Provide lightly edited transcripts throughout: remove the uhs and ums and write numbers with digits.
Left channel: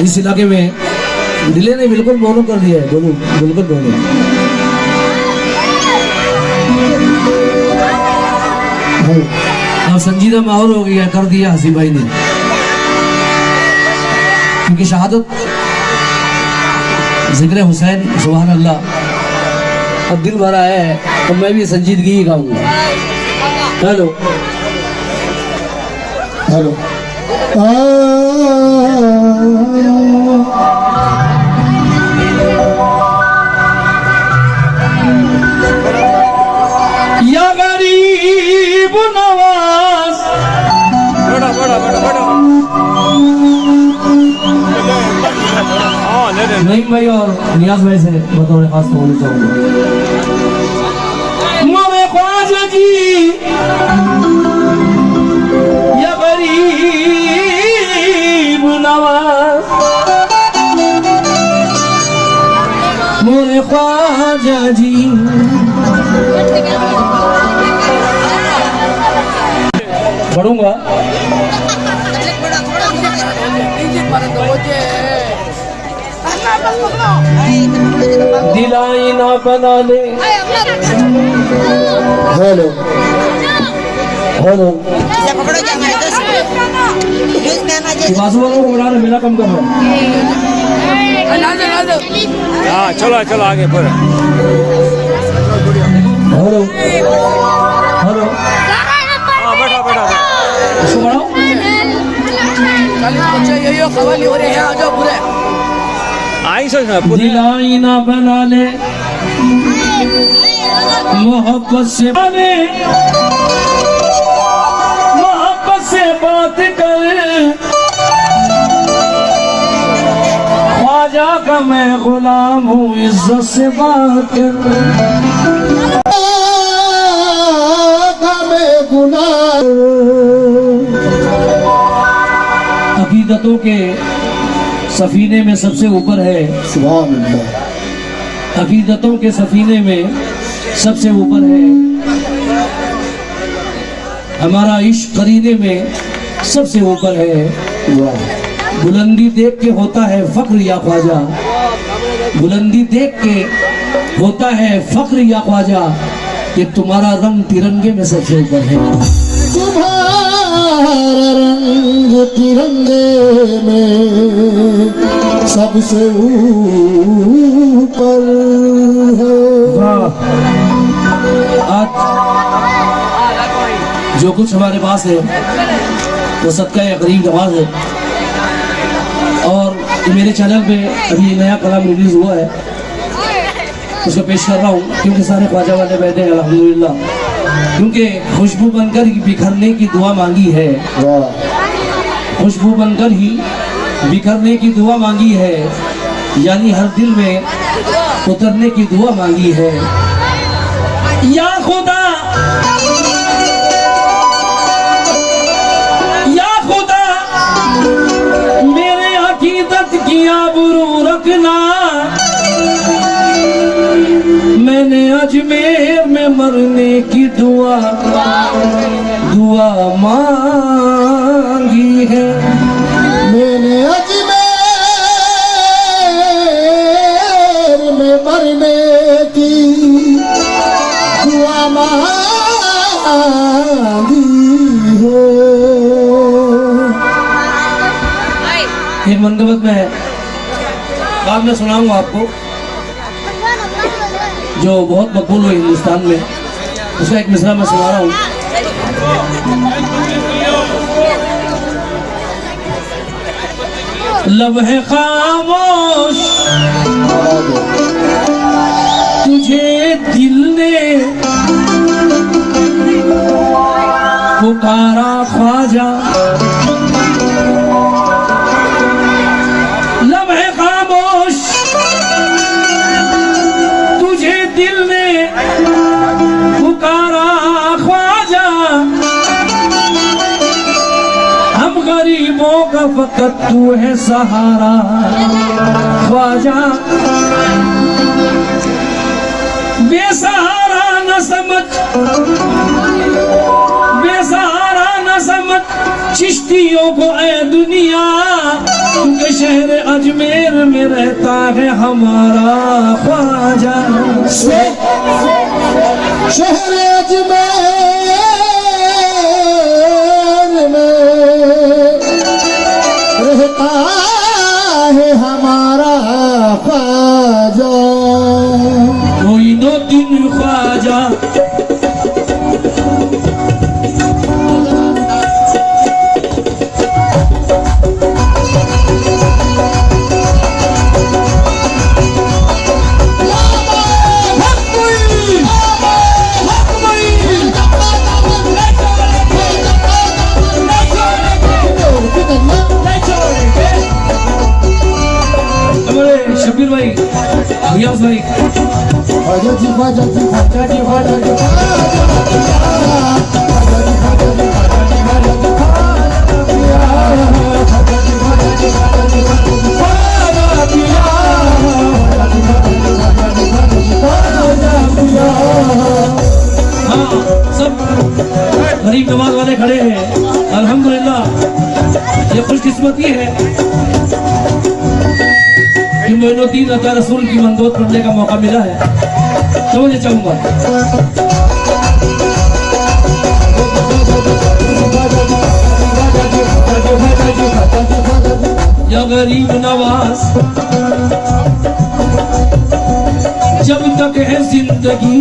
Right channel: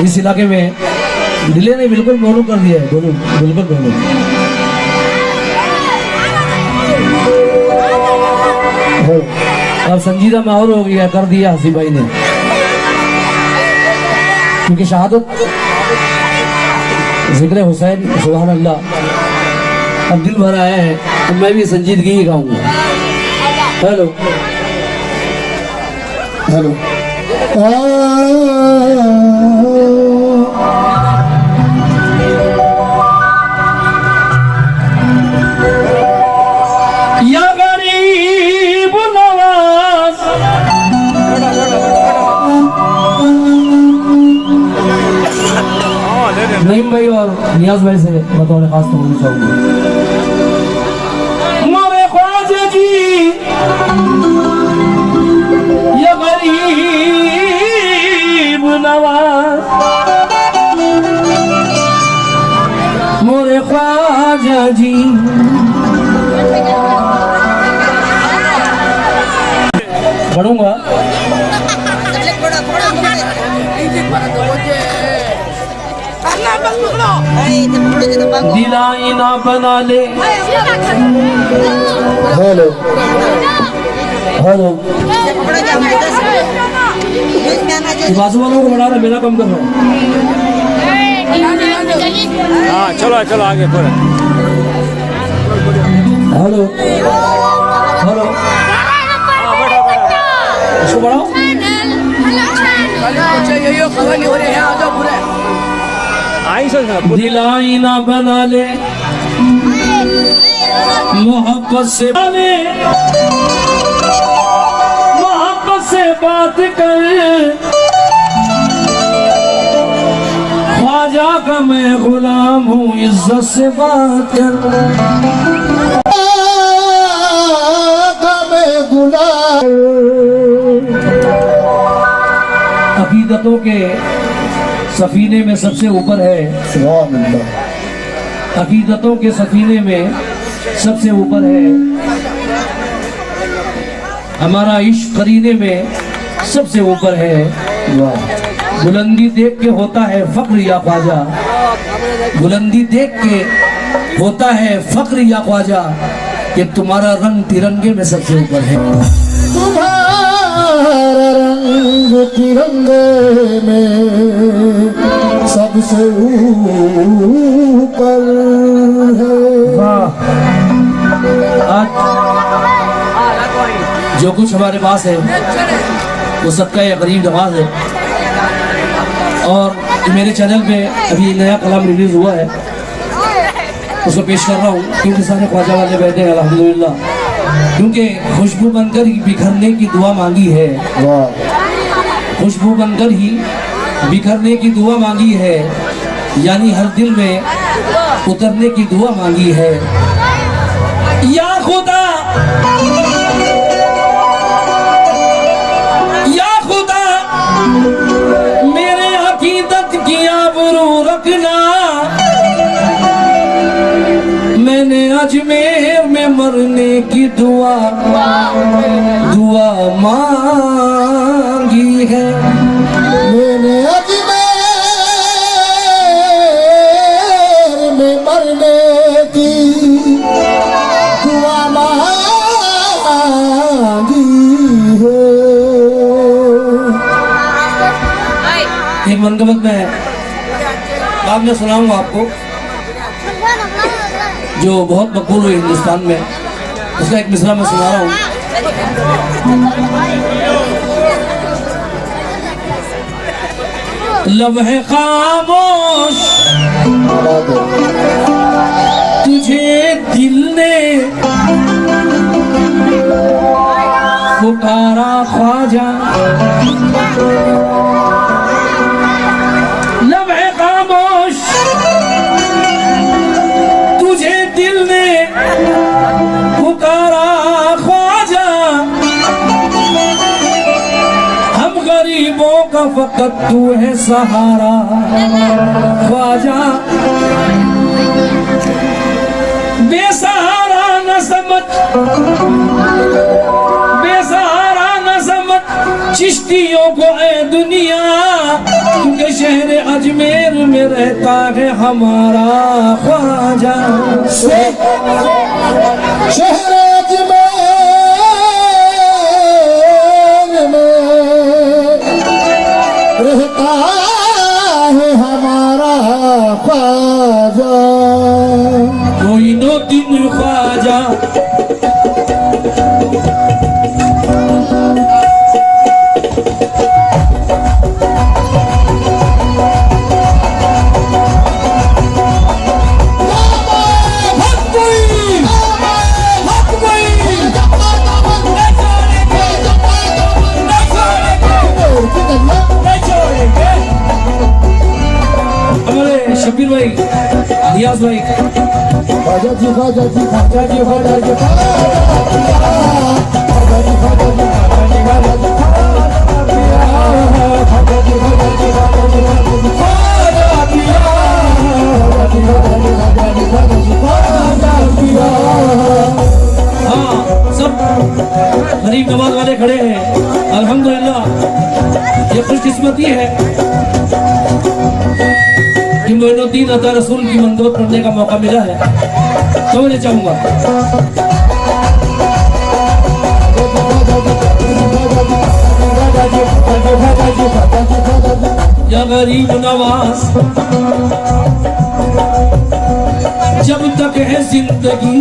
इस इलाके में दिले ने बिल्कुल दोनों कर दिया है, दोनों बिल्कुल दोनों। और संजीदा माहौल हो गया, कर दिया हसी भाई ने, क्योंकि शहादत जिक्र हुसैन सुभान अल्लाह अब दिल भरा है। अब मैं भी संजीदगी ही गाऊंगा। हेलो हेलो या गरीब नवाज नईम भाई और नियाज भाई से बतौर खास तो बोलना चाहूंगा। मोरे ख्वाजा जी या गरीब नवाज, मोरे ख्वाजा जी पढ़ूंगा। दिलाई ना बना ले। हेलो हेलो बाजू वालों को बढ़ा, मेरा कम कर रहा है। हाँ चलो चलो आगे पर। हेलो हेलो इसको बढ़ाओ। खवाली हो रहे हैं, आ जाओ पूरे। दिलाई ना बना ले मोहब्बत से, मोहब्बत से बात कर, ख्वाजा का मैं गुलाम हूँ, इज्जत से बात कर। अकीदतों के सफीने में सबसे ऊपर है, अकीदतों के सफीने में सबसे ऊपर है हमारा इश्क, करीने में सबसे ऊपर है। बुलंदी देख के होता है फक्र या ख्वाजा, बुलंदी देख के होता है फक्र या ख्वाजा, कि तुम्हारा रंग तिरंगे में सबसे ऊपर है। रंग तिरंगे में सबसे ऊपर है। आज जो कुछ हमारे पास है वो सबका एक गरीब नवाज है। और मेरे चैनल पे अभी नया कलाम रिलीज हुआ है, उसको पेश कर रहा हूँ, क्योंकि सारे ख्वाजा वाले बैठे हैं अल्हम्दुलिल्लाह। क्योंकि खुशबू बनकर ही बिखरने की दुआ मांगी है, खुशबू बनकर ही बिखरने की दुआ मांगी है, यानी हर दिल में उतरने की दुआ मांगी है। या खुदा या खुदा मेरे अकीदत की आबरू रखना, मैंने अजमेर में मरने की दुआ मांगी है। मैंने अजमेर में मरने की दुआ मांगी है। ये मनगबत में बाद में सुनाऊंगा आपको, जो बहुत मकबूल हुई हिंदुस्तान में, उसका एक मिसरा मैं सुना रहा हूँ। लम्हे खामोश तुझे दिल ने पुकारा ख्वाजा, लम्हे खामोश तुझे दिल ने पुकारा ख्वाजा, हम गरीबों का फकत तू है सहारा ख्वाजा। बेसहारा न समझ, बेसहारा न समझ चिश्तियों को ऐ दुनिया, क्योंकि शहर अजमेर में रहता है हमारा ख्वाजा। शहर अजमेर में रहता है हमारा ख्वाजा। कोई नो दिन ख्वाजा। हमारे शबीर भाई, नियाज भाई, ख्वाजा जी ख्वाजा जी ख्वाजा जी ख्वाजा जी हाँ सब गरीब नवाज वाले खड़े हैं। अल्हम्दुलिल्लाह ये खुशकिस्मती है कि मोइनुद्दीन अता रसूल की मंदोत पढ़ने का मौका मिला है। समझना चाहूंगा या गरीब नवाज, जब तक है जिंदगी,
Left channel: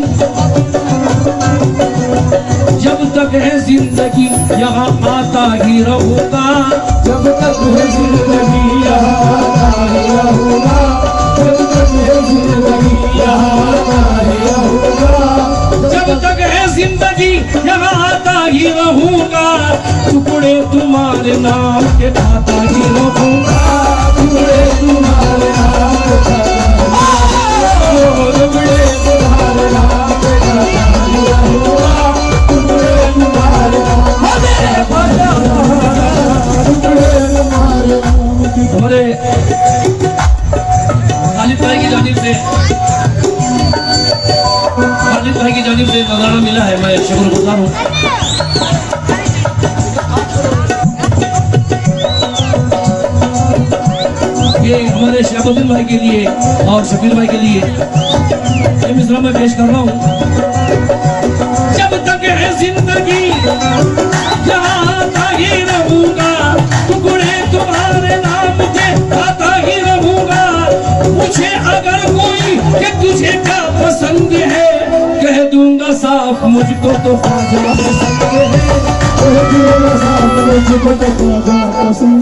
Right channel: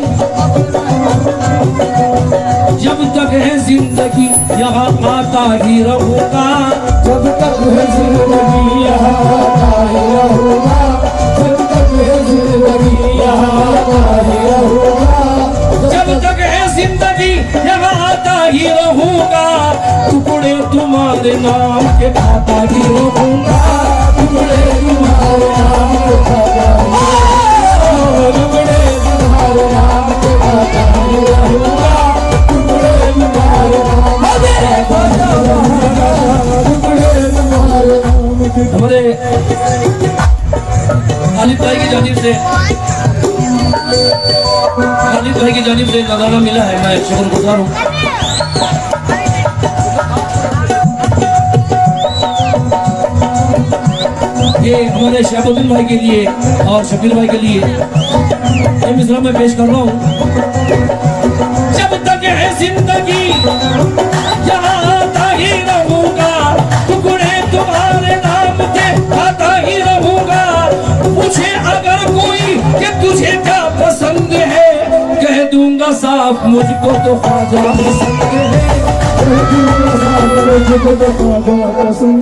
जब तक है जिंदगी यहाँ आता ही रहूंगा। जब तक है जिंदगी यहाँ आता ही रहूंगा। जब तक है जिंदगी यहाँ आता ही रहूंगा। जब तक है जिंदगी यहाँ आता ही रहूंगा। टुकड़े तुम्हारे नाम के खाता ही रहूंगा। टुकड़े तुम्हारे नाम के खाता टुकड़े तुम्हारे नाम के खाता ही रहूंगा। टुकड़े तुम्हारे नाम के टुकड़े तुम्हारे नाम के। हमारे खालिद भाई की जानिब से, खालिद भाई की जानिब से नजराना मिला है। मैं शुक्रगुजार हूँ। ये हमारे शहाबुद्दीन भाई के लिए और शबीर भाई के लिए ये मिसरा मैं पेश कर रहा हूँ। जब तक है जिंदगी यहाँ आता ही रहूंगा। टुकड़े तुम्हारे नाम के आता ही रहूंगा। पूछे अगर कोई कि तुझे क्या पसंद है, कह दूंगा साफ मुझको तो ख्वाजा पसंद है। मुझको तो ख्वाजा पसंद।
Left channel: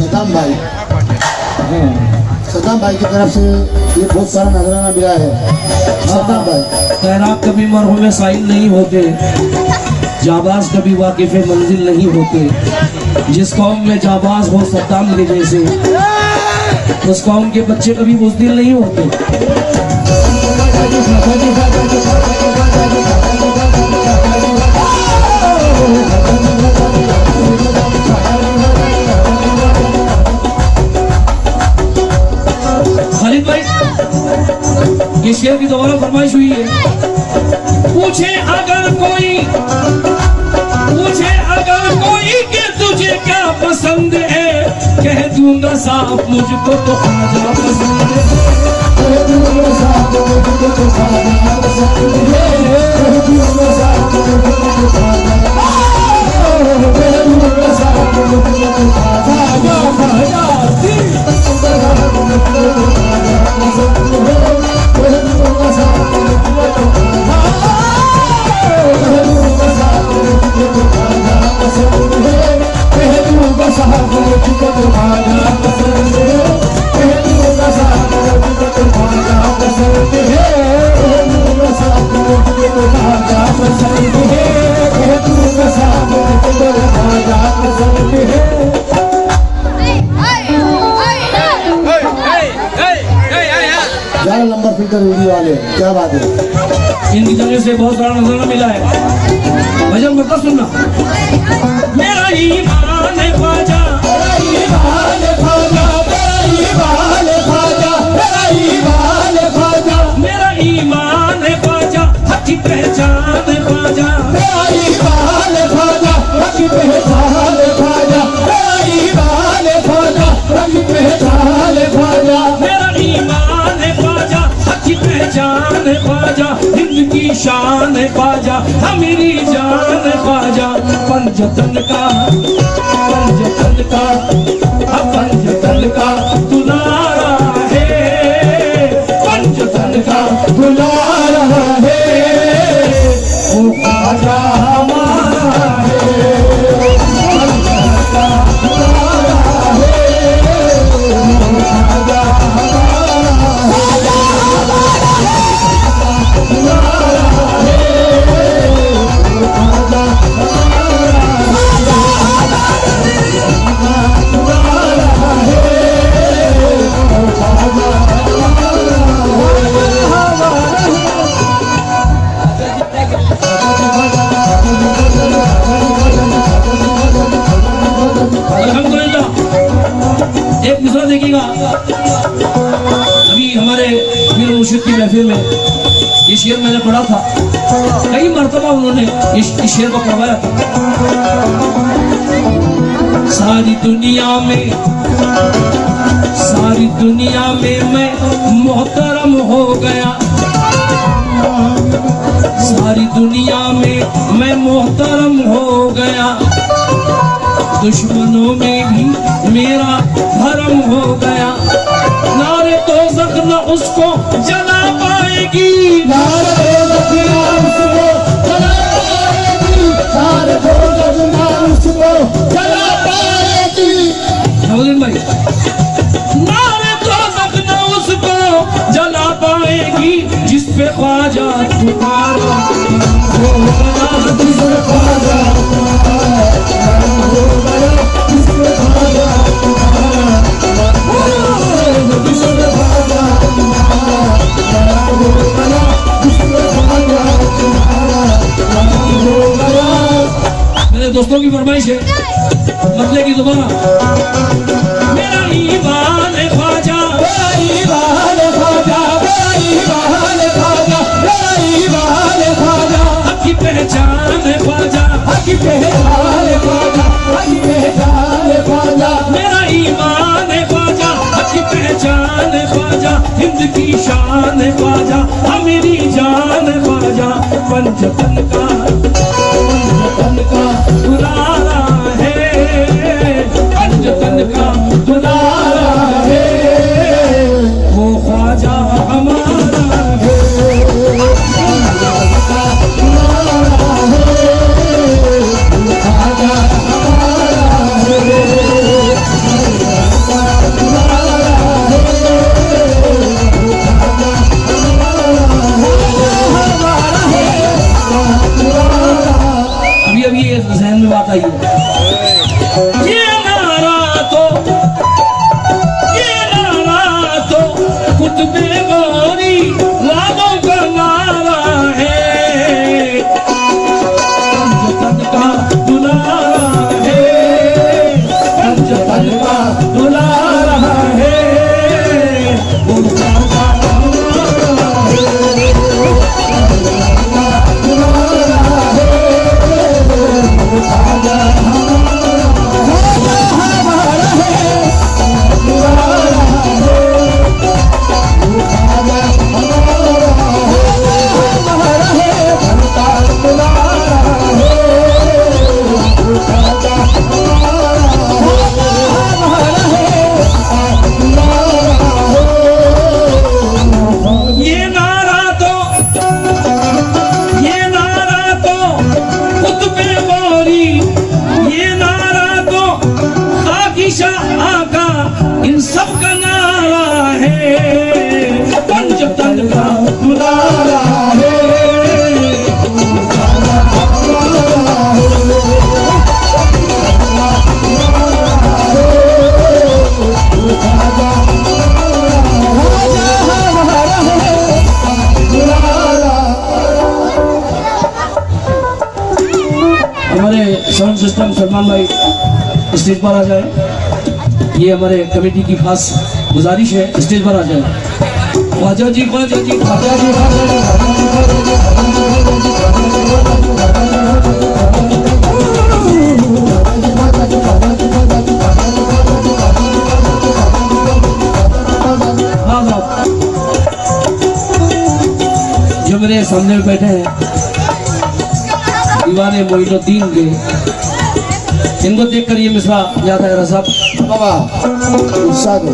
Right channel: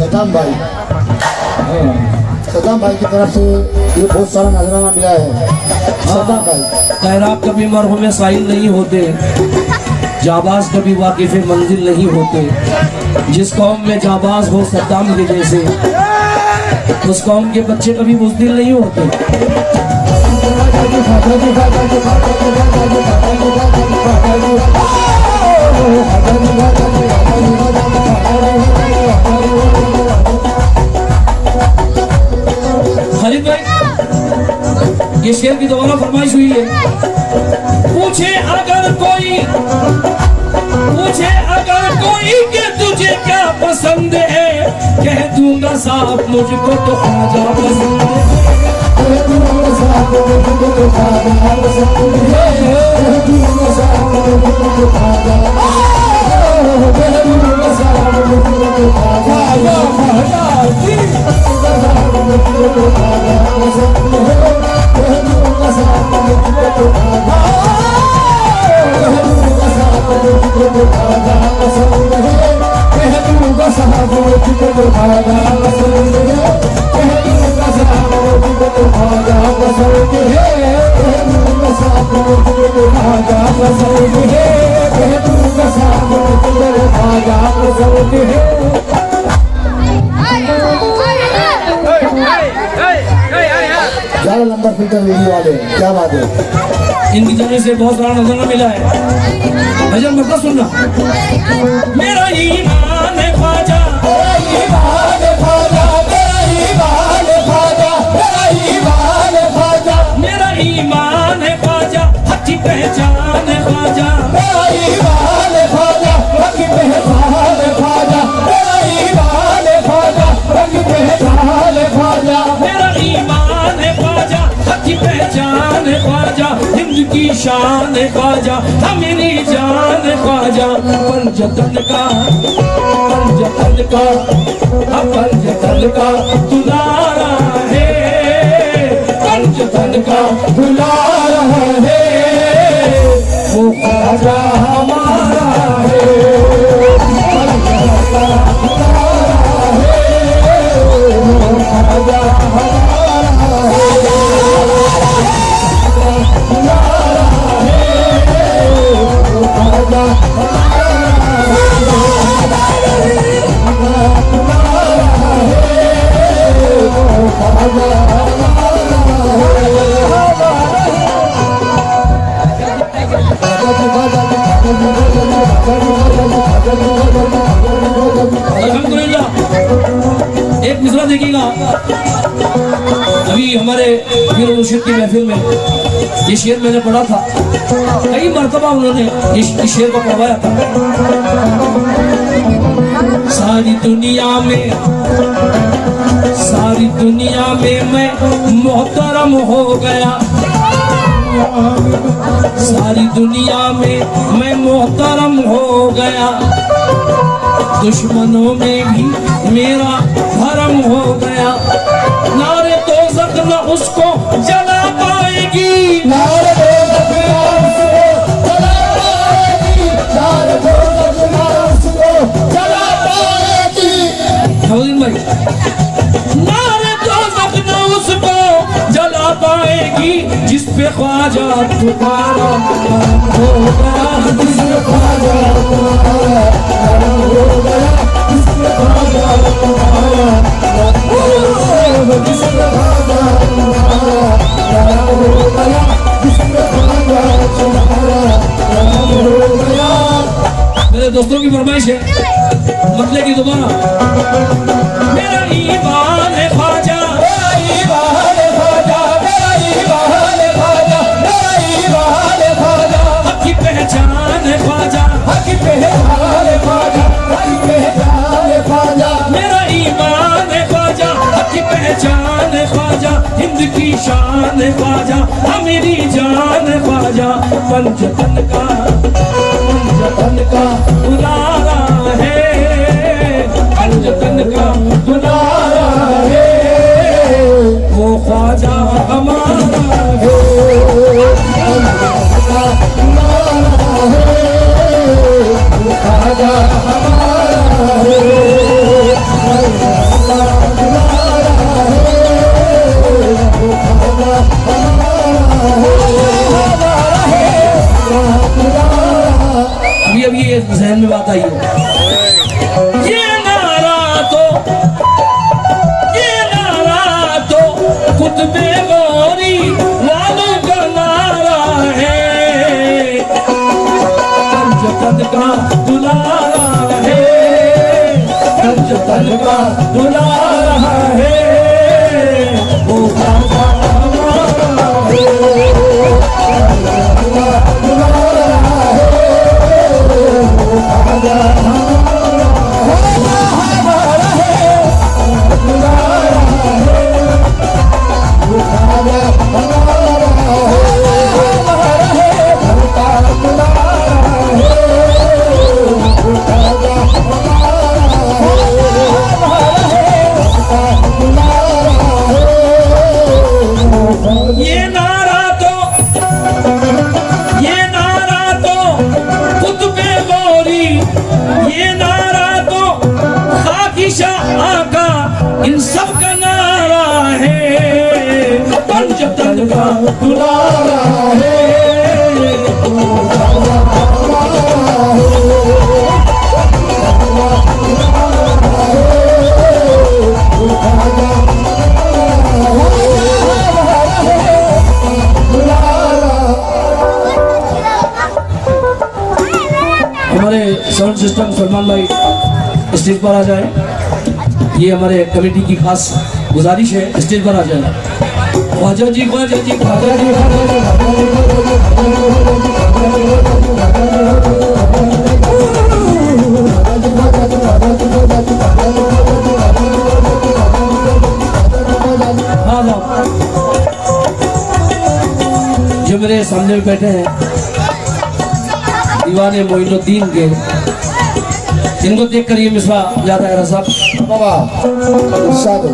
सदाम भाई, सदाम भाई की तरफ से ये बहुत सारा नजराना मिला है। सदाम भाई, खैरात कभी मरहूम साइल नहीं होते, जाबाज कभी वाकिफ मंजिल नहीं होते। जिस कौम में जाबाज हो सद्दाम के जैसे, उस कौम के बच्चे कभी बुज़दिल नहीं होते। खालिद भाई, ये शेर की दोबारा फरमाइश हुई है। पूछे अगर कोई, पूछे अगर कोई कि तुझे क्या पसंद है, कह दूंगा साफ मुझको तो ख्वाजा पसंद है। नंबर फिल्टर वीडियो वाले, क्या बात है। इनकी जगह से बहुत सारा नजराना मिला है। भजन मतलब सुनना। मेरा ईमान है ख्वाजा, मेरा ईमान है ख्वाजा, मेरा ईमान है ख्वाजा, मेरा ईमान है ख्वाजा, मेरा ईमान है ख्वाजा, हक की पहचान है ख्वाजा, मेरा ईमान है ख्वाजा, पंचतन का पंचतन का दुलारा है, पंचतन का दुलारा है, वो ख्वाजा हमारा है। अल्हम्दुलिल्लाह। एक मिसरा देखिएगा, अभी हमारे पीर मुर्शिद की महफिल में ये शेर मैंने पढ़ा था, कई मर्तबा उन्होंने इस शेर को पढ़वाया था। सारी दुनिया में मैं मोहतरम हो गया, सारी दुनिया में मैं मोहतरम हो गया, दुश्मनों में भी मेरा धर्म हो गया, नारे दोज़ख न उसको जला पाएगी, नारे दोज़ख न उसको जला पाएगी, नारे दोज़ख न उसको जला पाएगी। भाई नारे दोज़ख न उसको जला पाएगी, जिस पे ख्वाजा तुम्हारा नाम हो गया, जिस पे ख्वाजा तुम्हारा नाम हो गया, जिस पे ख्वाजा तुम्हारा नाम हो गया, जिस पे ख्वाजा तुम्हारा नाम हो गया, जिस पे ख्वाजा तुम्हारा नाम हो गया। मेरे दोस्तों की फरमाइश है, मतले की दोबारा। मेरा ईमान है ख्वाजा, मेरा ईमान है ख्वाजा, मेरा ईमान है ख्वाजा, मेरा ईमान है ख्वाजा, हक की पहचान है ख्वाजा, हक की पहचान है ख्वाजा, हक की पहचान है ख्वाजा, मेरा ईमान है ख्वाजा, हक की पहचान है ख्वाजा, हिंद की शान है ख्वाजा, मेरी जान है ख्वाजा, पंचतन का दुलारा है, पंचतन का दुलारा है, वो ख्वाजा हमारा है, वो ख्वाजा हमारा है। अभी ये जहन में बात आई है, ये नारा तो कुतुबे गौरी वालों का नारा है, पंचतन का दुलारा है, पंचतन का दुलारा है, वो ख्वाजा हमारा है, इन सब का नारा है, पंचतन का दुलारा है, हमारे साउंड सिस्टम सलमान भाई स्टेज पर आ जाए, ये हमारे कमेटी की खास गुजारिश है, स्टेज पर आ जाए। ख्वाजा जी ख्वाजा जी ख्वाजा जी ख्वाजा जी हाँ साहब, जो मेरे सामने में बैठे हैं दीवाने मोइनुद्दीन के इनको देखकर ये मिसरा याद आया साहब। बाबा इरशाद हो।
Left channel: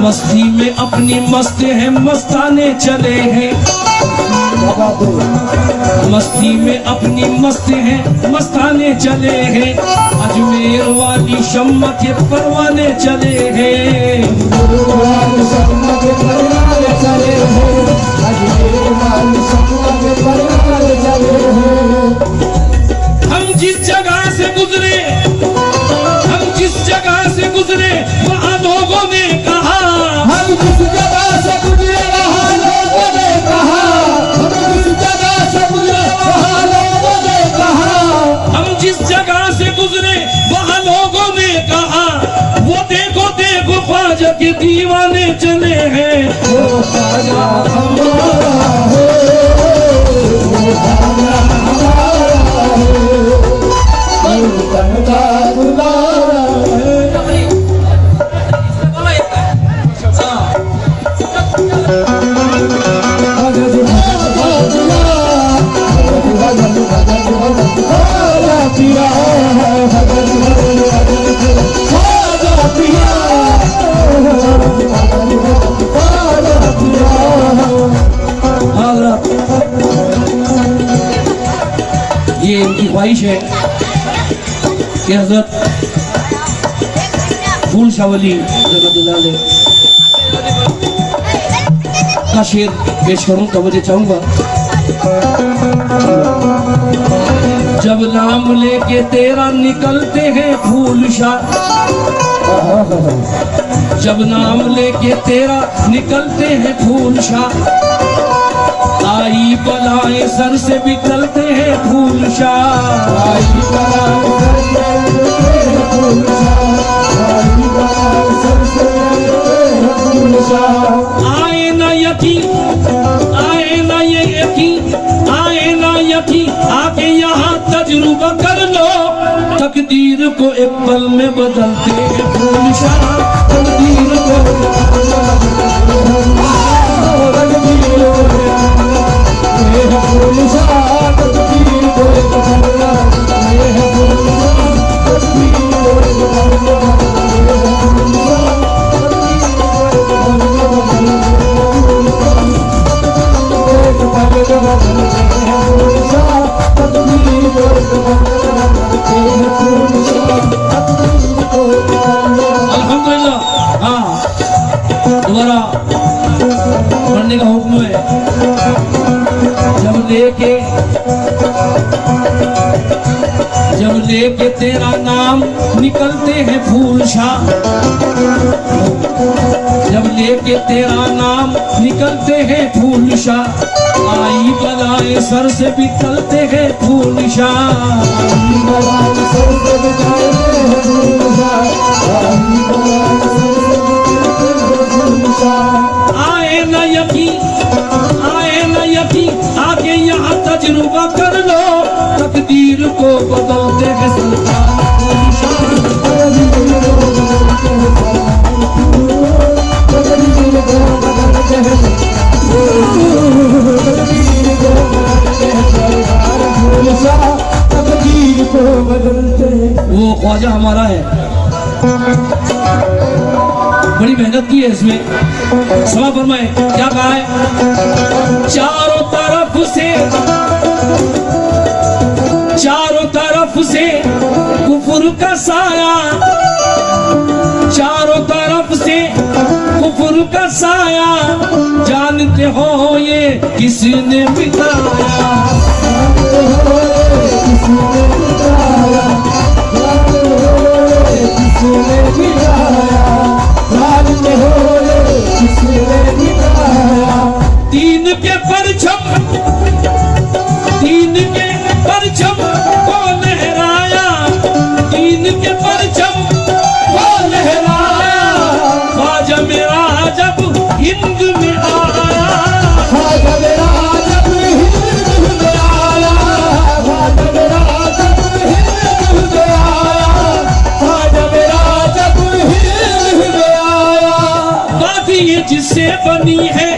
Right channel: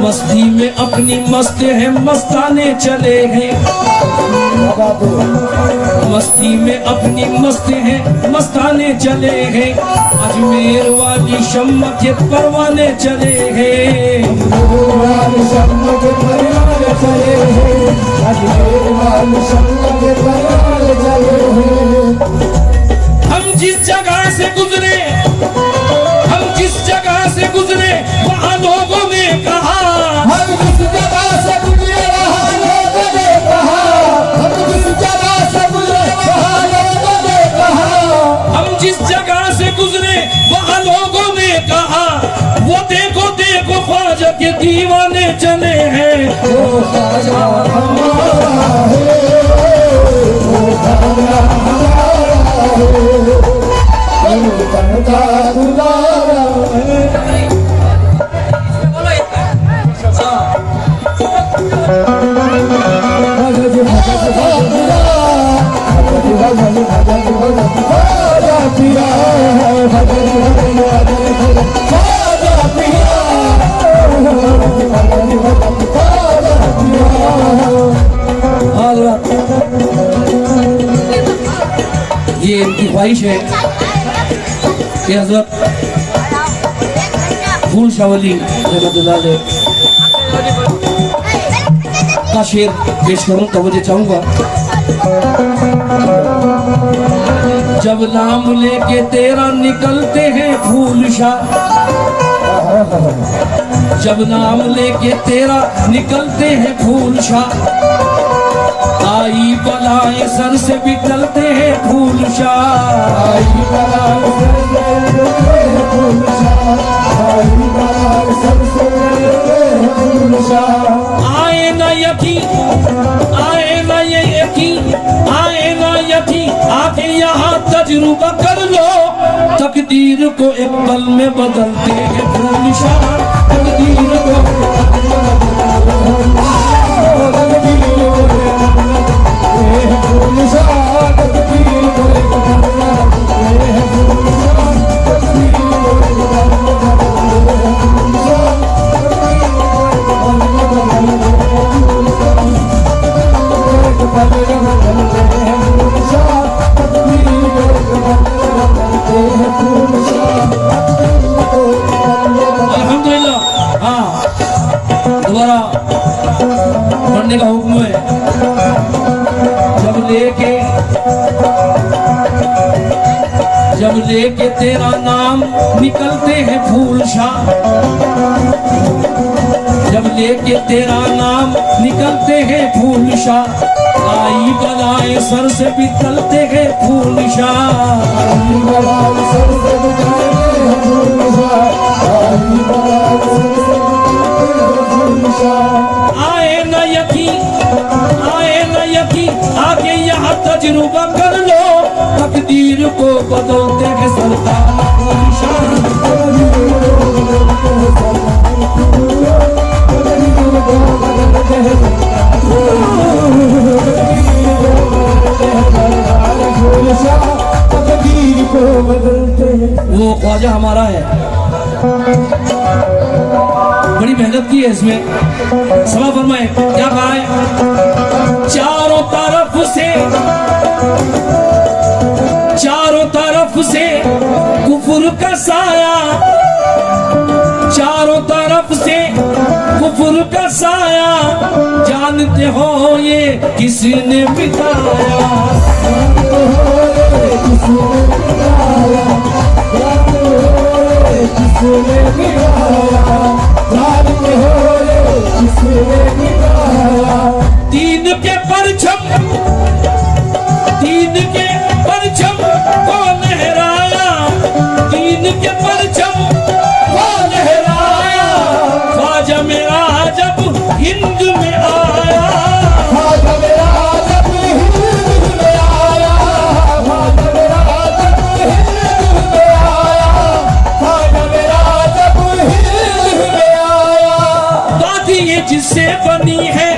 मस्ती में अपनी मस्त है मस्ताने चले हैं, बाबा दो मस्ती में अपनी मस्त है मस्ताने चले हैं, अजमेर वाली शम्मा के परवाने चले हैं। गुरुवार शम्मा के परिवार चले हैं, अजमेर वाली शम्मा के परिवार चले हैं। हम जिस जगह से गुजरे, हम जिस जगह से गुजरे वहाँ लोगों ने कहा, हम जिस जगह से गुजरे वहाँ लोगों ने कहा, हम जिस जगह से गुजरे वहाँ लोगों ने कहा, हम जिस जगह से गुजरे वहाँ लोगों ने कहा, वो देखो देखो ख्वाजा के दीवाने चले हैं। वो ख्वाजा हमारा है, वो ख्वाजा हमारा है, बनता दुलारा है। ये इनकी ख्वाहिश है कि हजरत फूल शावली रहमतुल्लाह अलैह का शेर पेश करूं तो मुझे चाहूंगा। जब नाम लेके तेरा निकलते हैं फूल शाह, जब नाम लेके तेरा निकलते हैं फूल शाह, आई बलाएं सर से भी टलते हैं फूल शाह। आई बलाएं सर से टलते हैं फूल शाह, आई बलाएं सर से टलते हैं फूल शाह। आए ना यकीन, आए ना ये यकीन, आए ना यकीन, आके यहाँ तजुर्बा कर लो, तकदीर को एक पल में बदलते हैं फूल शाह, तकदीर को अल्हम्दुलिल्लाह। हाँ, दोबारा पढ़ने का हुक्म है। जब लेके तेरा नाम निकलते हैं फूल शाह, जब लेके तेरा नाम निकलते हैं फूल शाह, आई बलाएं सर से भी टलते हैं फूल शाह। आई बलाएं सर से भी टलते हैं फूल शाह, आई बलाएं सर से भी टलते हैं फूल शाह। आए ना यकीन, आए ना यकीन, आके यहाँ तजुर्बा कर लो, तकदीर को बदलते हैं सरकार फूल शाह। वो ख्वाजा हमारा है, बड़ी मेहनत की है इसमें। समा फरमाए क्या कहा है? चारों तरफ से, चारों तरफ से कुफर का साया, चारों तरफ से कुफर का साया, जानते हो ये किसने मिटाया, दीन के परचम, दीन के परचम को लहराया, दीन के परचम को लहराया, ख्वाजा मेरा जब हिंद में आया, ख्वाजा मेरा जब हिंद में आया, ख्वाजा मेरा जब हिंद में आया, ख्वाजा मेरा जब हिंद में आया। बात ये जिससे बनी है,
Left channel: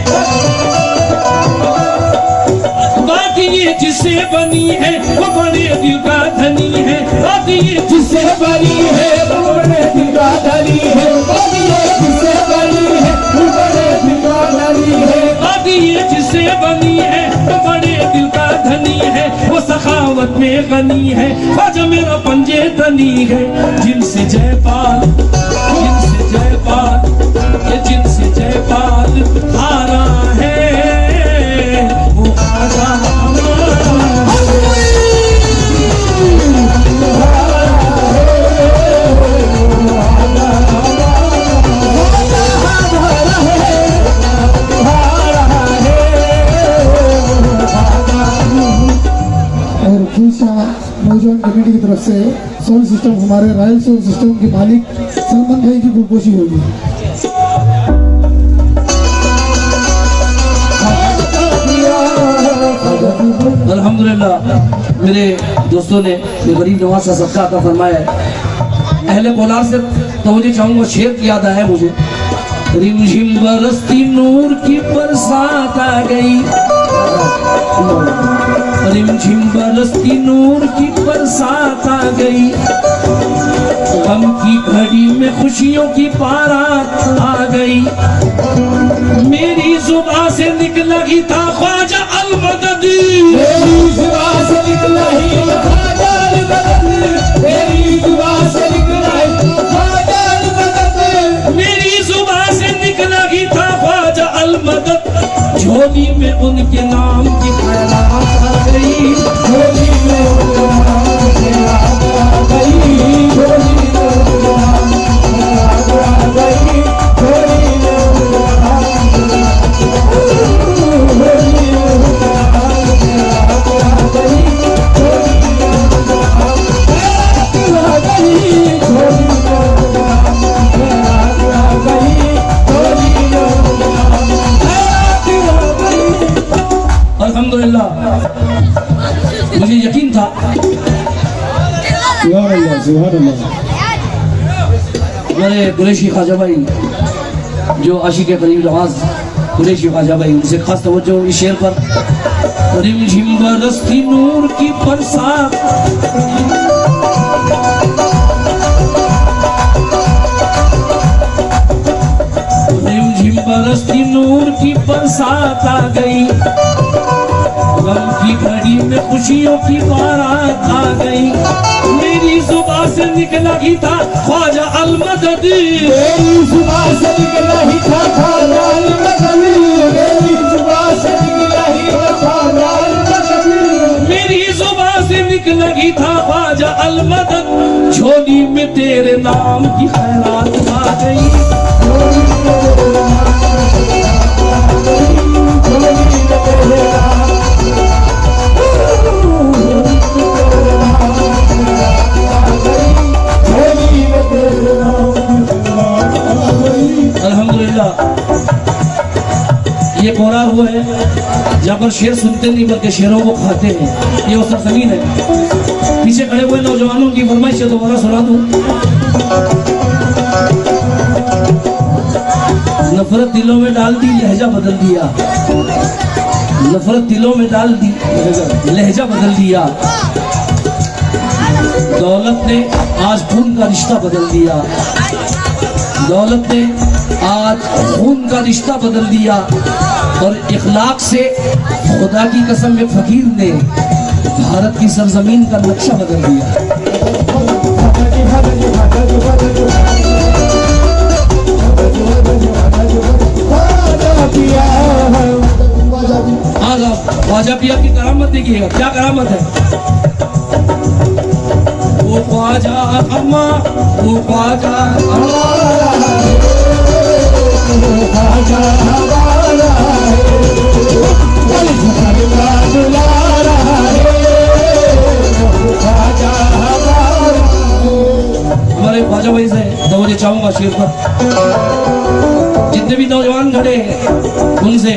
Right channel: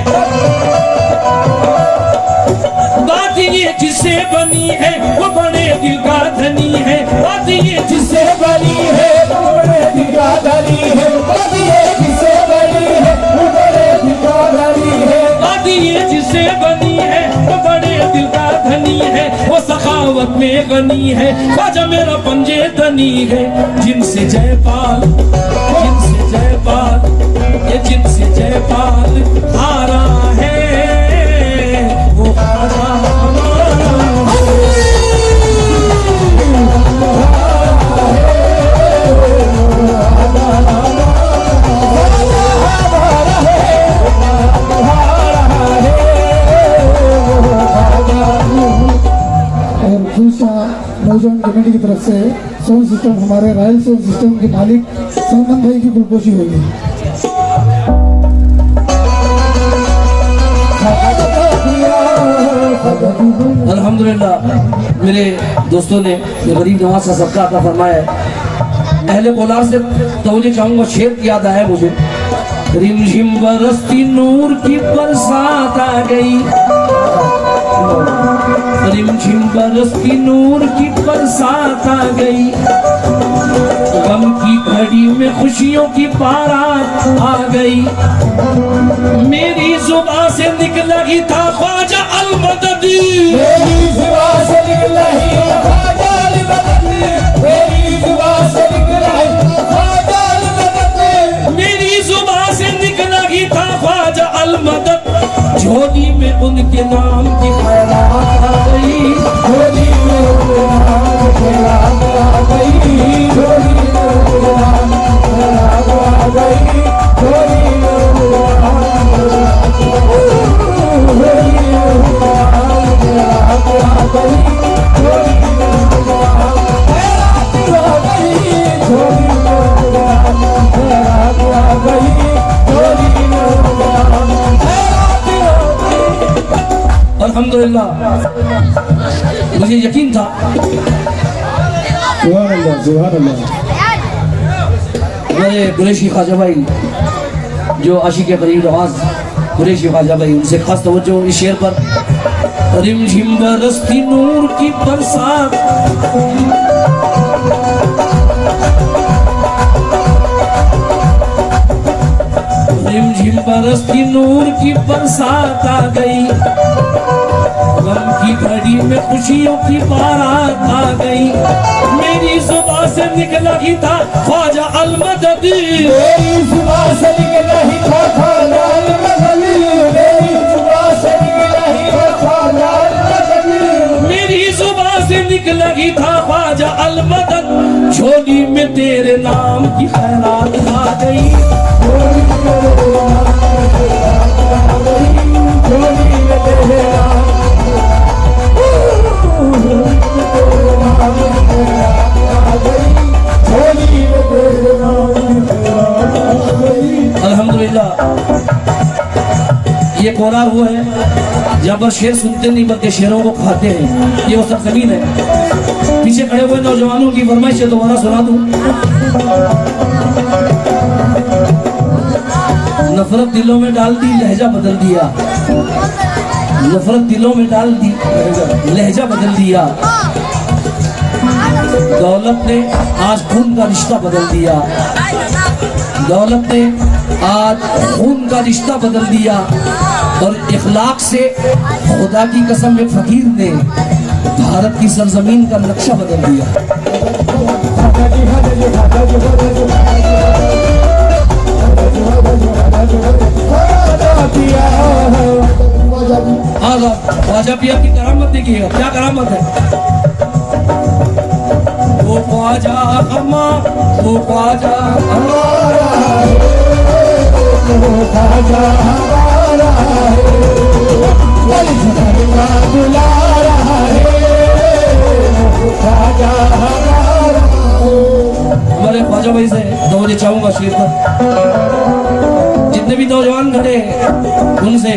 बात ये जिससे बनी है, वो बड़े दिल का धनी है, बात बात ये जिससे बनी है वो बड़े दिल का धनी है, बात ये जिससे बनी है वो बड़े दिल का धनी है, बात ये जिससे बनी है वो बड़े दिल का धनी है, वो सखावत में गनी है, ख्वाजा मेरा पंजे धनी है। जिनसे जयपाल, जिनसे जयपाल, ये जिनसे जयपाल हारा है वो ख्वाजा हमारा है। और दूसरा नौजवान कमेटी की तरफ से साउंड सिस्टम हमारे रॉयल साउंड सिस्टम के मालिक सलमान भाई की गुलपोशी होगी। अल्हम्दुलिल्लाह मेरे दोस्तों ने ये गरीब नवाज का सबका अता फरमाया है। अहले कोलार से तवज्जो चाहूंगा, शेर की याद आया मुझे। रिमझिम बरसती नूर की बरसात आ गई, रिमझिम बरसती नूर की बरसात आ गई, गम की घड़ी में खुशियों की बारात आ गई। मेरी जुबान से निकला ही था ख्वाजा अलमददी, मेरी जुबान से निकला ही ख्वाजा अलमददी, मेरी जुबान से निकला ही ख्वाजा अलमददी, मेरी जुबान से निकला ही था ख्वाजा अलमदद। झोली में उनके नाम की खैरात आ गई, झोली में उनके नाम की खैरात आ गई, झोली में उनके नाम की खैरात आ गई, झोली में उनके नाम की खैरात आ गई, झोली में उनके नाम की खैरात आ गई, झोली में उनके नाम की खैरात आ गई, झोली में उनके नाम की खैरात आ गई। अल्हम्दुलिल्लाह मुझे यकीन था सुभान अल्लाह, सुभान अल्लाह। हमारे कुरैशी ख्वाजा भाई जो आशिक करीम नवाज कुरैशी ख्वाजा भाई, उनसे खास तवज्जो इस शेर पर। रिमझिम बरसती नूर की बरसात, रिमझिम बरसती नूर की बरसात आ गई, गम की घड़ी में खुशियों की बारात आ गई। मेरी जुबान से निकला ही था ख्वाजा अलमददी, मेरी जुबान से निकला ही था ख्वाजा अलमददी, मेरी जुबान से निकला ही था ख्वाजा अलमददी, मेरी जुबान से निकला ही था ख्वाजा अलमदद। झोली में तेरे नाम की खैरात आ गई, झोली में तेरे नाम की खैरात आ गई, झोली में तेरे नाम अल्हम्दुलिल्लाह ये कोरार हुआ है जहाँ पर शेर सुनते नहीं बल्कि शेरों को खाते हैं। ये वो सरजमीन है। पीछे खड़े हुए नौजवानों की फरमाइश है, दोबारा सुना दूं। नफरत दिलों में डाल दी, लहजा बदल दिया, नफरत दिलों में डाल दी, लहजा बदल दिया। दौलत ने आज खून का रिश्ता बदल दिया, दौलत ने आज खून का रिश्ता बदल दिया। और इखलाक से खुदा की कसम एक फकीर ने भारत की सरजमीन का नक्शा बदल दिया। ख्वाजा पिया की करामत देखिएगा, क्या करामत है। वो ख्वाजा हमा, वो ख्वाजा हमारे ख्वाजा भाई से तवज्जो चाहूंगा शेर पर। जितने भी नौजवान खड़े हैं उनसे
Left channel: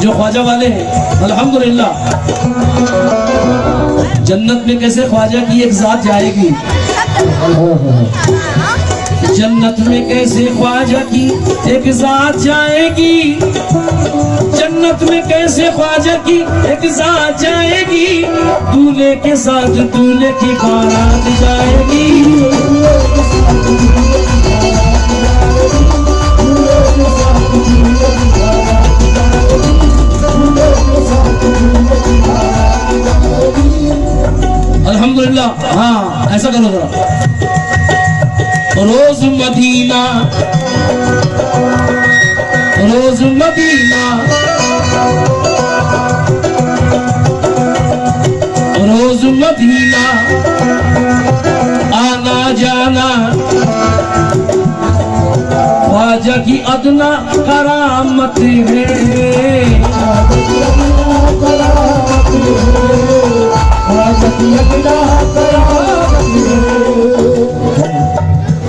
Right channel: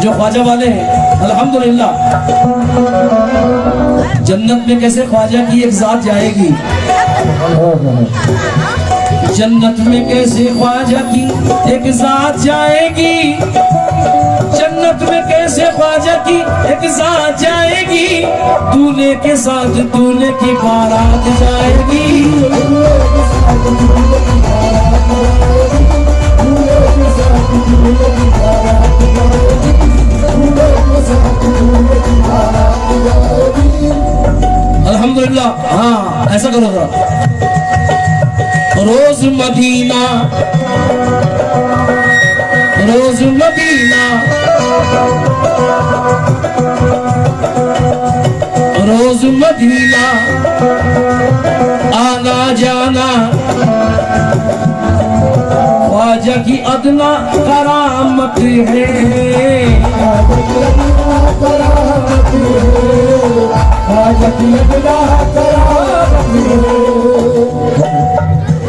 जो ख्वाजा वाले हैं, अल्हम्दुलिल्लाह जन्नत में कैसे ख्वाजा की एक जात जाएगी, जन्नत में कैसे ख्वाजा की एक जात जाएगी, जन्नत जन्नत में कैसे ख्वाजा की एक साथ जाएगी, दूल्हे के साथ दूल्हे की बारात जाएगी। अल्हम्दुलिल्लाह। हाँ ऐसा करो जरा। रोज मदीना, रोज मदीना, रोज मदीना आना जाना, ख्वाजा की अदना करामत है।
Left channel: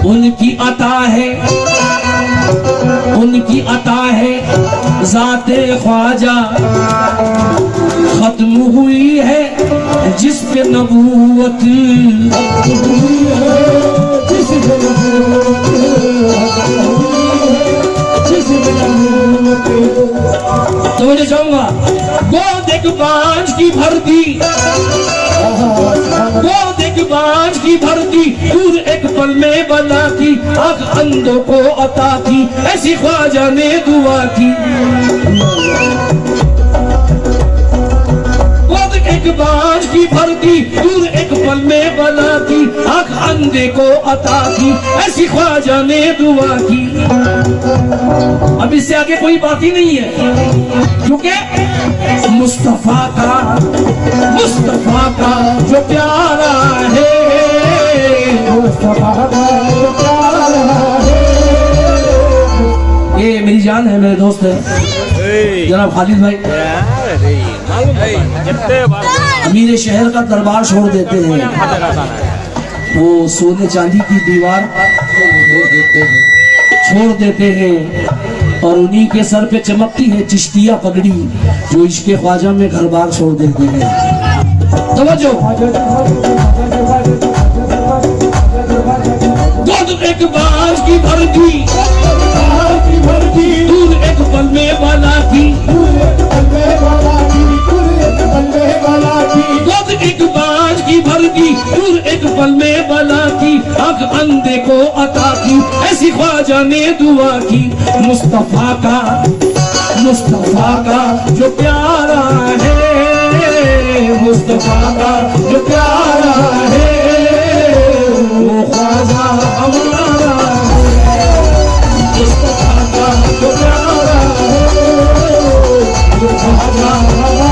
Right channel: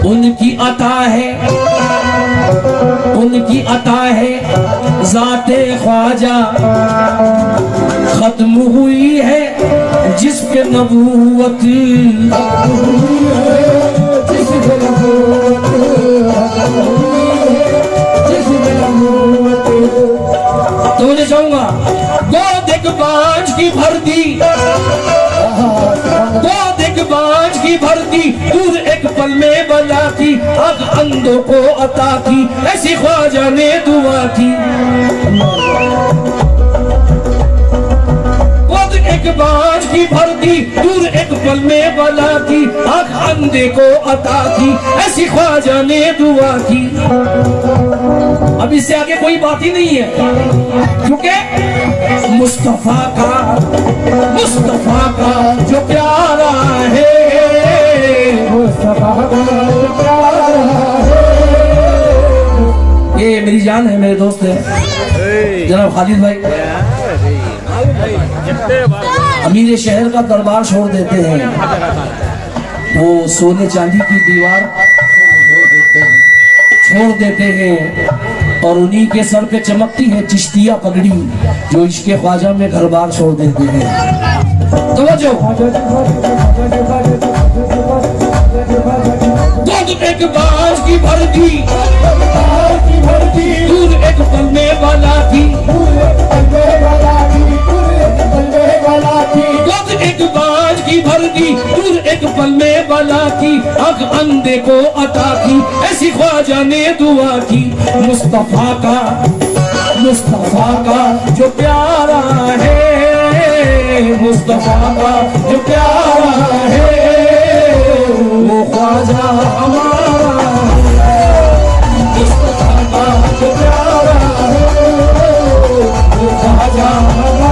उनकी अता है, उनकी अता है ज़ाते ख्वाजा, खत्म हुई है जिस पे नबूवत। तो मुझे चाहूंगा गोद एक बांझ की भरती, गोद एक बांझ की भरती, दूध एक पल में बना की, आग अंधों को अता की, ऐसी ख्वाजा ने दुआ की। गोद एक बांझ की भरती, दूध एक पल में बना की, आग अंधे को अता की, ऐसी ख्वाजा ने दुआ की। अब इससे आगे कोई बात ही नहीं है, क्योंकि मुस्तफा का, मुस्तफा का जो प्यारा है, मुस्तफा का जो प्यारा है। ये मेरी जान है, मेरे दोस्त है जनाब खालिद भाई। अमीर शहर का दरबार छोड़ देते हैं, वो सोने चांदी की दीवार छोड़ देते हैं, और उन्हीं के सर पे चमकती है चिश्तिया पगड़ी, जो इश्क़े ख्वाजा में घर बार छोड़ देते हैं। तवज्जो। दूध एक बांझ की भरती, दूध एक पल में बना की, दूध एक बांझ की भरती, दूध एक पल में बना की, आग अंधे को अता की, ऐसी ख्वाजा ने दुआ की। मुस्तफा का, मुस्तफा का जो प्यारा है, मुस्तफा का जो प्यारा है, वो ख्वाजा हमारा, मुस्तफा का जो प्यारा है, वो ख्वाजा हमारा।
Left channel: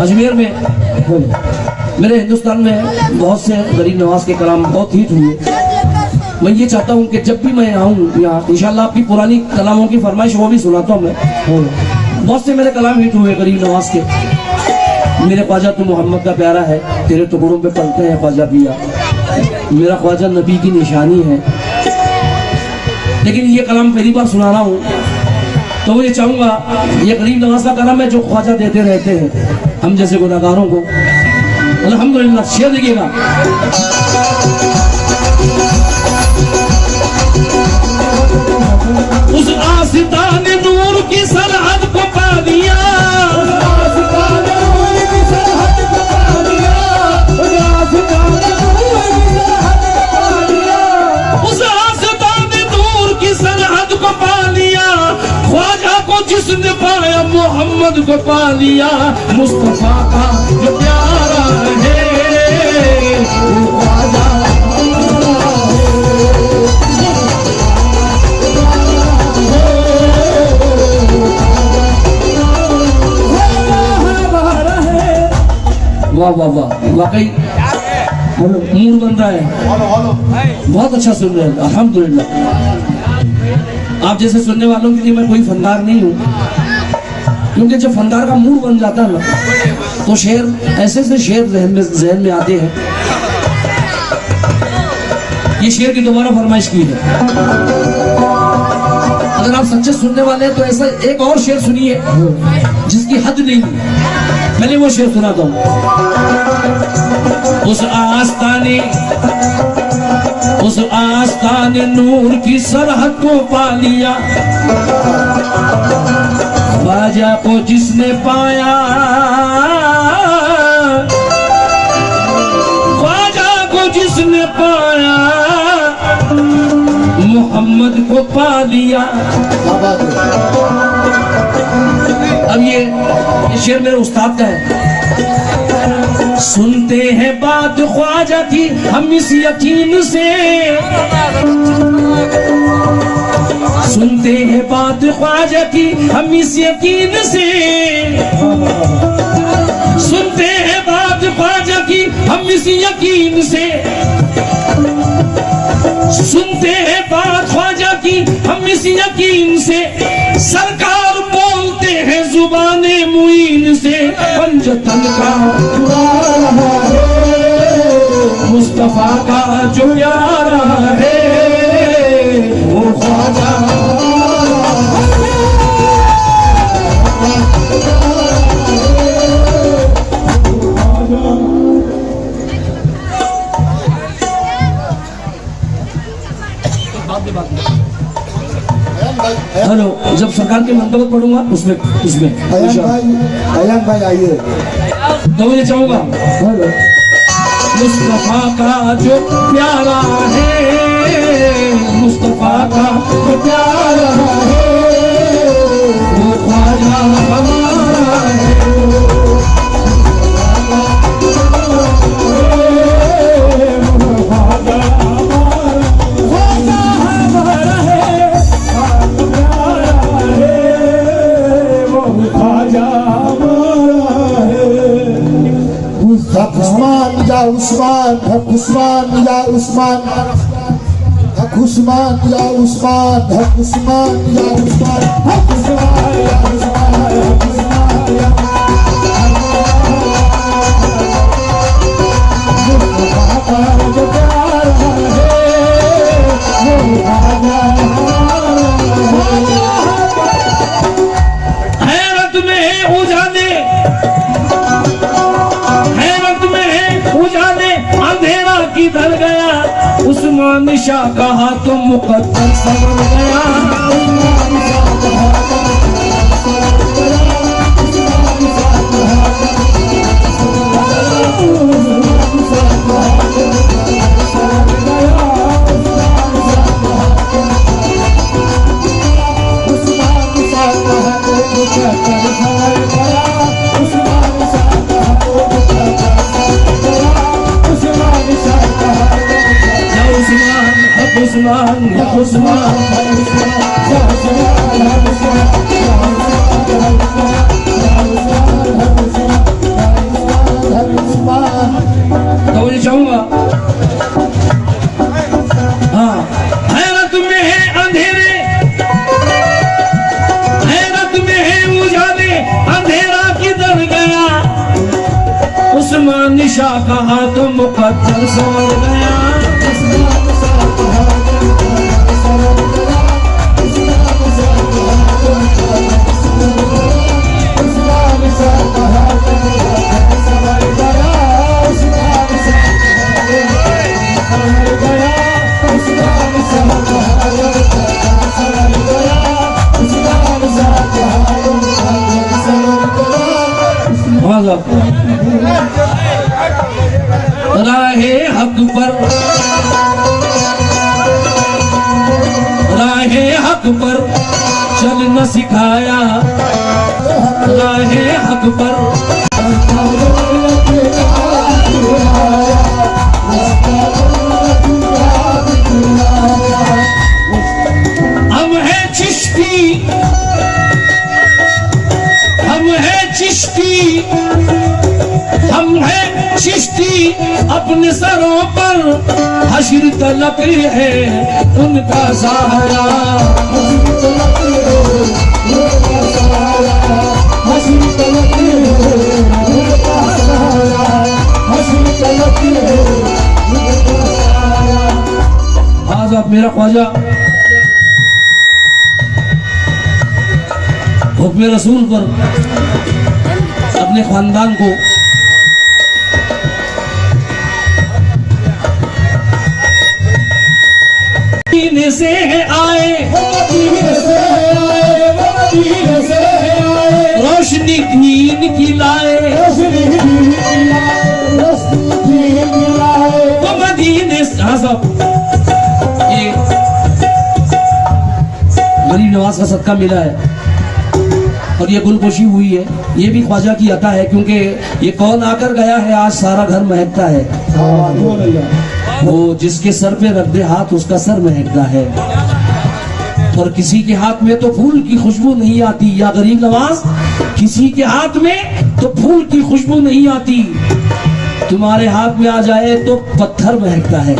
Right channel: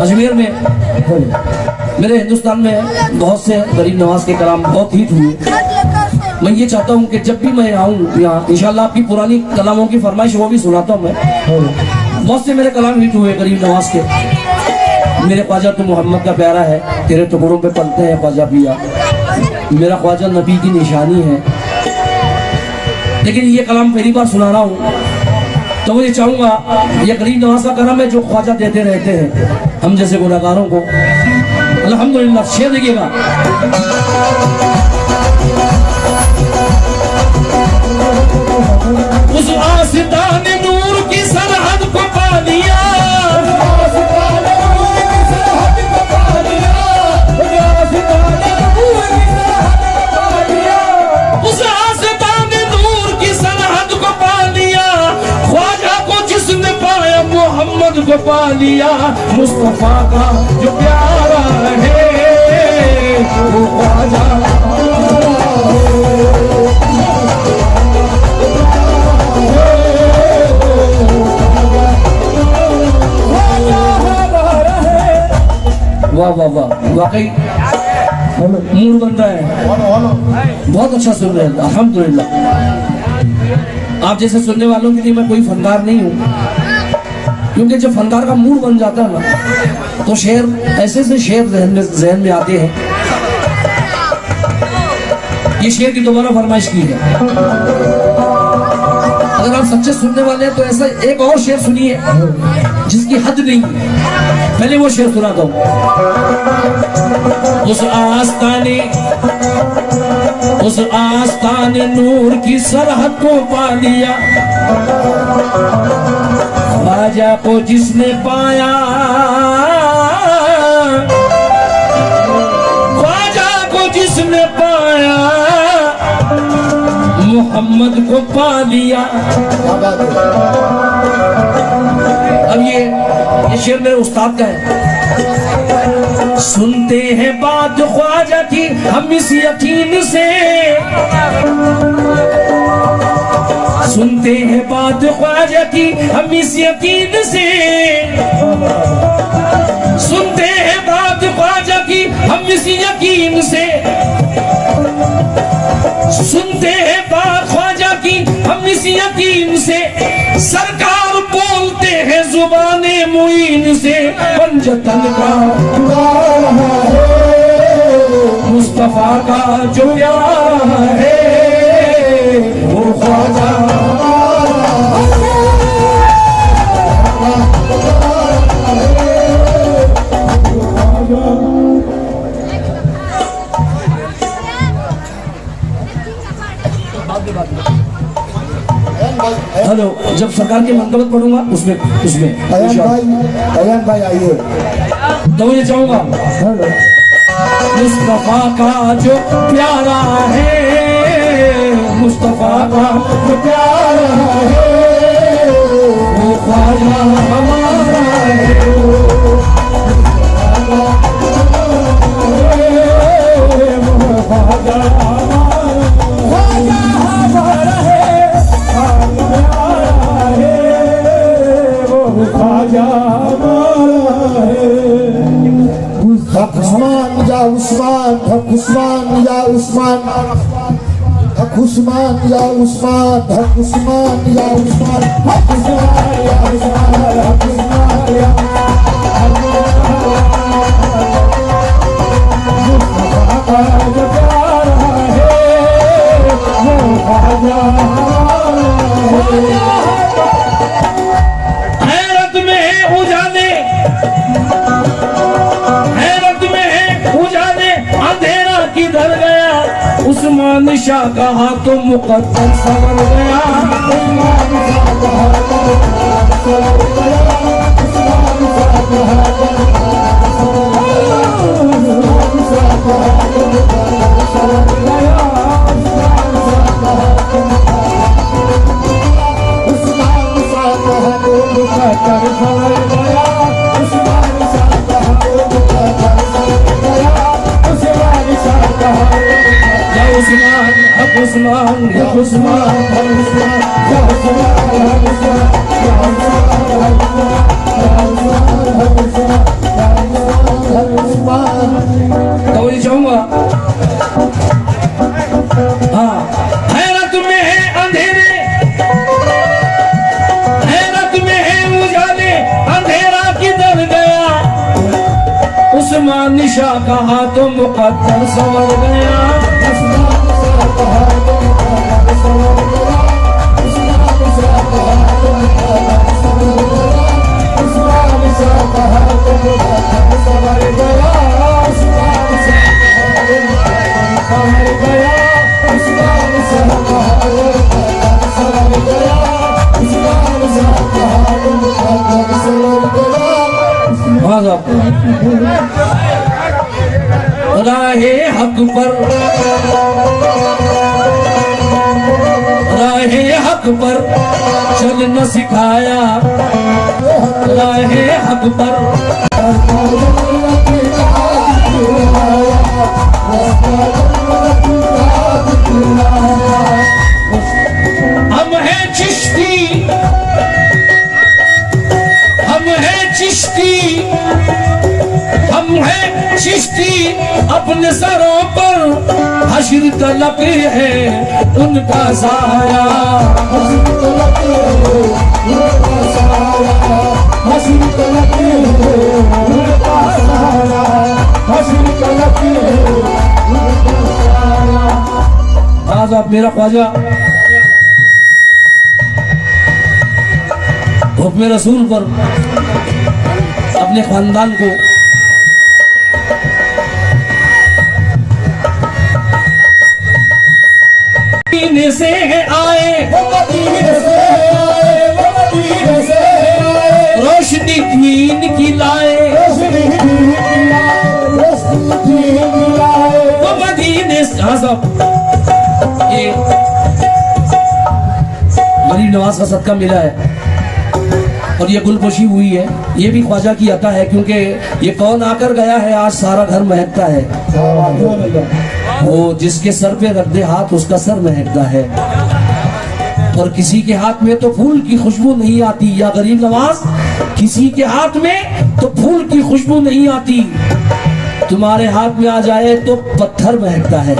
अजमेर में, मेरे हिंदुस्तान में बहुत से गरीब नवाज के कलाम बहुत हिट हुए। मैं ये चाहता हूँ कि जब भी मैं आऊँ यहाँ, इंशाल्लाह आपकी पुरानी कलामों की फरमाइश वो भी सुनाता हूँ मैं। बहुत से मेरे कलाम हिट हुए गरीब नवाज के। मेरे ख्वाजा तो मोहम्मद का प्यारा है, तेरे टुकड़ों पे पलते हैं ख्वाजा पिया, मेरा ख्वाजा नबी की निशानी है। लेकिन ये कलाम पहली बार सुना रहा हूँ, तो मैं चाहूंगा ये गरीब नवाज का करम है जो ख्वाजा देते रहते हैं हम जैसे गुनहगारों को। अल्हम्दुलिल्लाह। शेर देखिएगा। उस आस्ताने नूर की सरहद को पा दिया, उस आस्ताने नूर की सरहद को पा लिया, ख्वाजा को जिसने पाया मोहम्मद को पा लिया। मुस्तफा का जो प्यारा है, वो ख्वाजा वाह वाह वाह, वाकई मूड बन रहा है, बहुत अच्छा सुन रहे हैं अल्हम्दुलिल्लाह। आप जैसे सुनने वालों के लिए मैं कोई फनकार नहीं हूँ, क्योंकि जब फनकार का मूड बन जाता है ना, तो शेर ऐसे से शेर जहन में आते हैं। ये शेर की दोबारा फरमाइश की है। अगर आप सच्चे सुनने वाले हैं तो ऐसा एक और शेर सुनिए जिसकी हद नहीं है। पहले वो शेर सुना दो। उस आस्ताने नूर की सरहद को पा लिया, ख्वाजा को जिसने पाया, ख्वाजा को जिसने पाया, मोहम्मद को पा लिया। अब ये शेर मेरे उस्ताद का है। सुनते हैं बात ख्वाजा की हम इस यकीन से, सुनते हैं बात ख्वाजा की हम इस यकीन से, सुनते हैं बात ख्वाजा की हम इस यकीन से, सुनते हैं बात ख्वाजा की हम इस यकीन से, सरकार बोलते हैं जुबाने मुईन से, पंजतन का मुस्तफा का जो प्यारा है वो ख्वाजा। हेलो, जब सरकार के मंतबत पढ़ूंगा उसमें अयान भाई आइए। तो मुझे चाहूंगा मुस्तफा का जो प्यारा है, मुस्तफा का जो प्यारा है वो ख्वाजा हमारा है, उस्मान या उस्मान, हक उस्मान या उस्मान, हक उस्मान या उस्मान, हक उस्मान या उस्मान, हक उस्मान या हैरत में है उजाले, हैरत में है उजाले, अंधेरा किधर गया, उस्मान शाह कहा तो मुकद्दर संवर गया। उस्मान या उस्मान, या उस्मान, तो ये चाहूंगा। हाँ, हैरत में है अंधेरे, हैरत में है उजाले, अंधेरा किधर गया, उस्मान शाह कहा तो मुकद्दर संवर गया। राहे हक पर, राहे हक पर चलना सिखाया, राहे हक पर हम है चिश्ती, हम है चिश्ती, हम है चिश्ती, अपने सरों पर हश्र तलक है उनका साया, आज आप मेरा ख्वाजा हुक्म रसूल पर अपने खानदान को मदीने से आए, मदीने से आए, मदीने से आए, रोशनी दीन की लाए, रोशनी दीन की लाए, रोशनी दीन की लाए। वो मदीने से। हाँ साहब, ये गरीब नवाज का सदका मिला है और ये गुलपोशी हुई है, ये भी ख्वाजा की अता है, क्योंकि ये कौन आकर गया है आज सारा घर महकता है। वो जिसके सर पे रख दे हाथ उसका सर महकता है, और किसी के हाथ में तो फूल की खुशबू नहीं आती। या गरीब नवाज, किसी के हाथ में तो फूल की खुशबू नहीं आती, तुम्हारे हाथ में आ जाए तो पत्थर महकता है।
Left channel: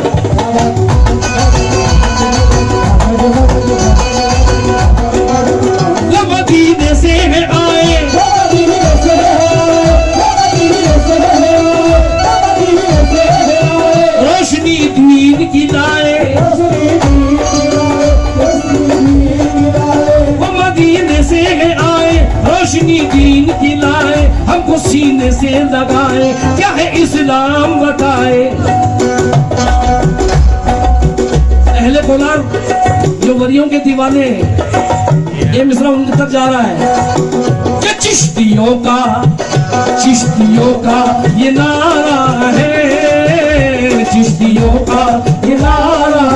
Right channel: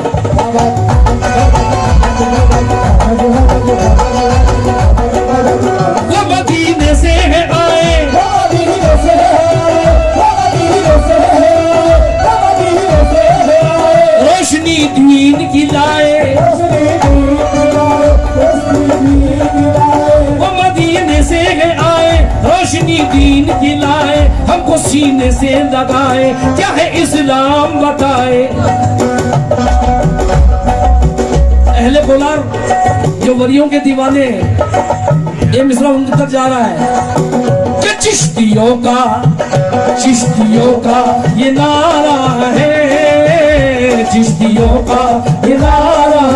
वो मदीने से है आए, मदीने से आए, मदीने से आए, मदीने से आए, रोशनी दीन की लाए, रोशनी दीन की लाए, रोशनी दीन की लाए। वो मदीने से है आए, रोशनी दीन की लाए, हमको सीने से लगाए, क्या है इस्लाम बताए। अहले कोलार जो वलियों के दीवाने हैं, ये मिसरा उनके तक जा रहा है कि चिश्तियों का ये नारा है, चिश्तियों का ये नारा